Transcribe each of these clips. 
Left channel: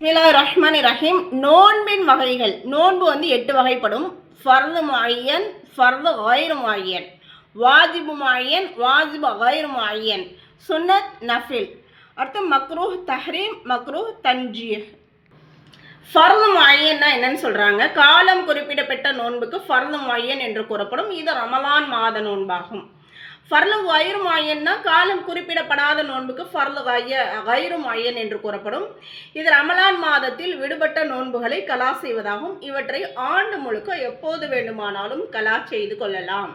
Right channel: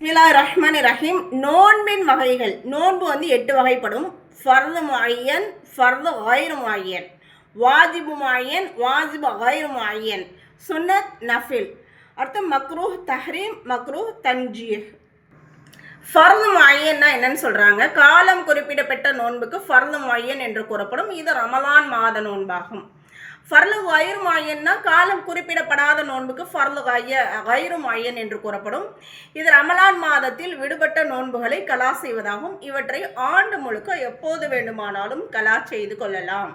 பிஸ்மில்லாஹிர் ரஹ்மானிர் ரஹீம். நோன்பின் வகைகள். நோன்பு வந்து 8 வகைப்படும். ஃபர்து முஅய்யன், ஃபர்து கைரு முஅய்யன், வாஜிபு முஅய்யன், வாஜிபு கைரு முஅய்யன், சுன்னத், நஃபில். அடுத்து மக்ரூஹ் தஹ்ரீம், மக்ரூஹ் தன்ஜீஹ். ஃபர்து முஅய்யன்னா என்னன்னு சொல்றாங்க? காலம் குறிப்பிடப்பட்ட நோன்புக்கு ஃபர்து முஅய்யன் என்று கூறப்படும். இது ரமலான் மாத நோன்பாகும். ஃபர்லு கைரு முஅய்யன்னா காலம் குறிப்பிடப்படாத நோன்புக்கு ஃபர்லு கைரு முஅய்யன் என்று கூறப்படும். இது ரமலான் மாதத்தில் விடுபட்ட நோன்புகளை கலா செய்வதாகும். இவற்றை ஆண்டு முழுக்க எப்போது வேண்டுமானாலும் கலா செய்து கொள்ளலாம்.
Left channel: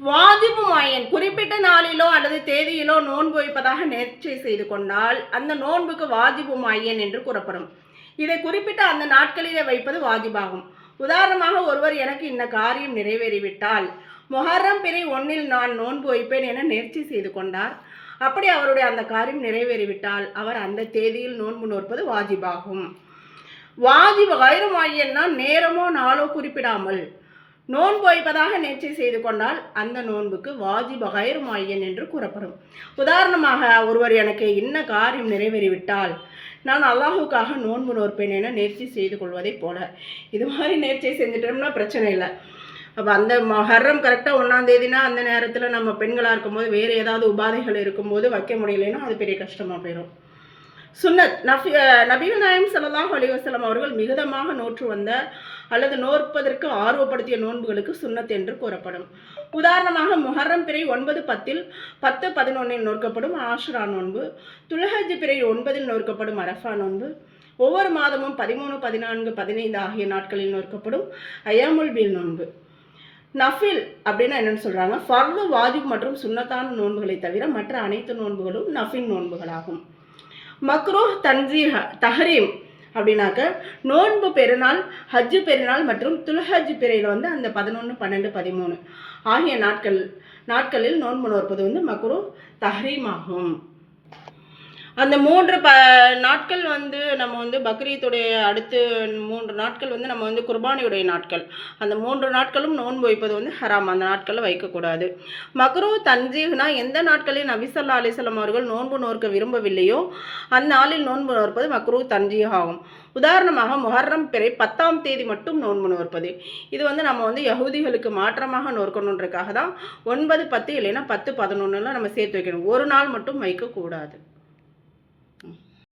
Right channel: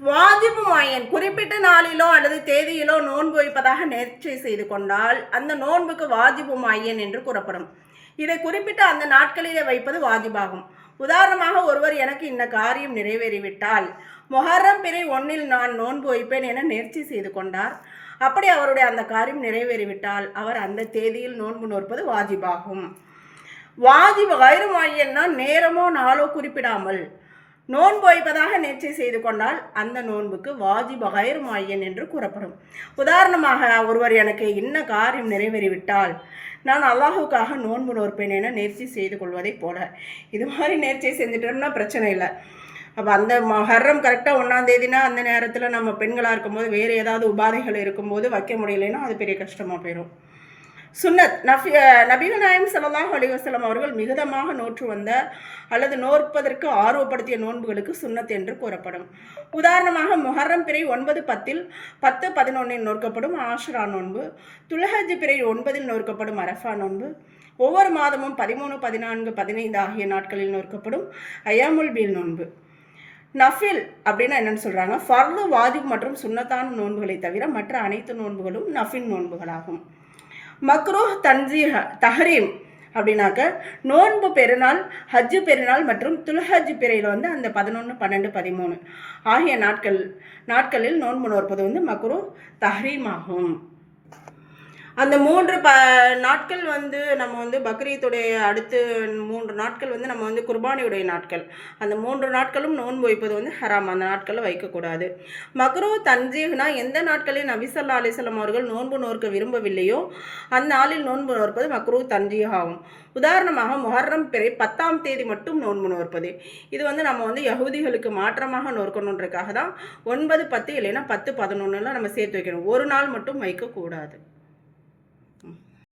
வாஜிபு முஅய்யன் குறிப்பிட்ட நாளிலோ அல்லது தேதியிலோ நோன்பு வைப்பதாக நேர்ச்சை செய்து கொண்டால் அந்த நோன்புக்கு வாஜிபு முஅய்யன் என்று கூறப்படும். இதை குறிப்பிட்ட அந்த நாட்களிலே வைப்பது வாஜிபாகும். உதாரணமாக, ஒருவர் எனக்கு இந்த காரியம் நிறைவேறிவிட்டால் முஹர்ரம் பிறை 1 நான் நோன்பு வைப்பேன் என நேர்ச்சி செய்து கொண்டார். அப்படி அவருடைய அந்த காரியம் நிறைவேறிவிட்டால் அவர் அந்த தேதியில் நோன்பு நோற்பது வாஜிபாகும். வாஜிபு கைரு முஅய்யன்னா நேரமோ நாளோ குறிப்பிடாமல் நோன்பு வைப்பதாக நேர்ச்சை செய்து கொண்டால் அந்த நோன்புக்கு வாஜிபு கைரு முஅய்யன் என்று கூறப்படும். உதாரணமாக, ஒருவர் எனக்கு இன்ன காரியம் நிறைவேறிவிட்டால் நான் அல்லாஹுக்காக நோன்பு நோற்பேன் என நேர்ச்சி செய்து கொள்வதை போல. இது மாதிரி நேர்ச்சை செஞ்சிட்டோம்னா பிரச்சனை இல்லை. அப்போ அந்த முஹர்ரம் கரெக்டாக 1ஆம் தேதினா அந்த நேரத்தில் நம்ம பெண்களாக இருக்கும்போது வேறு ஏதாவது உபாதைகள் இருக்கும்போது வைக்க முடியலைன்னா அது பெரிய கஷ்டமாக போயிடும். சுன்னத். நபிகள் நாயகம் ஸல்லல்லாஹு அலைஹி வஸல்லம் அவர்கள் மிகுதமாக நோற்று வந்த அல்லது நோற்பதற்கு ஆர்வப்படுத்திய நோன்புகளுக்கு சுன்னத் என்று கூறப்படும். உதாரணமாக, முஹர்ரம் பிறை 9, 10, 10, 11 நோக்கப்படும் ஆஷுரா நோன்பு, துல்ஹஜ் பிறை 9 நோக்கப்படும் அரஃபா நோன்பு, ஒவ்வொரு மாதமும் 13, 14, 15 ஆகிய நாட்களில் நோக்கப்படும் ஐயாமுல் பீல் நோன்பு. நஃபில் அப்படின்னா என்னென்னு சொல்கிறாங்க? ஃபர்து, வாஜிப் மற்றும் சுன்னத்தான நோன்புகளை தவிர மற்ற அனைத்து நோன்புகளும் நஃபில் நோன்புகளாகும். மக்ரூஹ் தஹ்ரீம் அப்படின்னாக்க நோன்பு பெருநாள், ஹஜ்ஜு பெருநாள் மற்றும் துல்ஹஜ் பிறையில் வந்து அந்த 11, 12, 13 ஆகிய நாட்களில் நோன்பு நோற்பது வந்து மக்ரூஹ் தஹ்ரீம் ஆகும். அந்த 3 நாட்கள் வந்து நம்ம வந்து பக்ரீத்துடைய அடுத்து 3 நாட்கள் வந்து நம்ம வந்து குர்பானியுடைய நாட்கள். அந்த 3 நாட்களும் நோன்பு வைப்பது வந்து ஹராம். அந்த நாட்களில் வைக்கக்கூடாது. மக்ரூஹ் தன்ஜீஹ்னா எந்த நாட்களில் நபி ஸல்லல்லாஹு அலைஹி வஸல்லம் அவர்கள் நோன்பு நோற்க விரும்பவில்லையோ அந்நாளில் நோன்பு நோற்பது மக்ரூஹ் தன்ஜீஹ் ஆகும். உதாரணமாக, முஹர்ரம் பிறை 10ஆம் தேதி மட்டும் நோன்பு நோற்பது. இது வந்து நம்ம வந்து யஹூதிகளுக்கு மாற்றமாக நோக்கணுன்றதுக்காக தான் 9, 10 இல்லைன்னா 10, 11 நம்ம சேர்த்து வைக்கணும். ஒரு நாள் மட்டும் வைக்கக்கூடாது.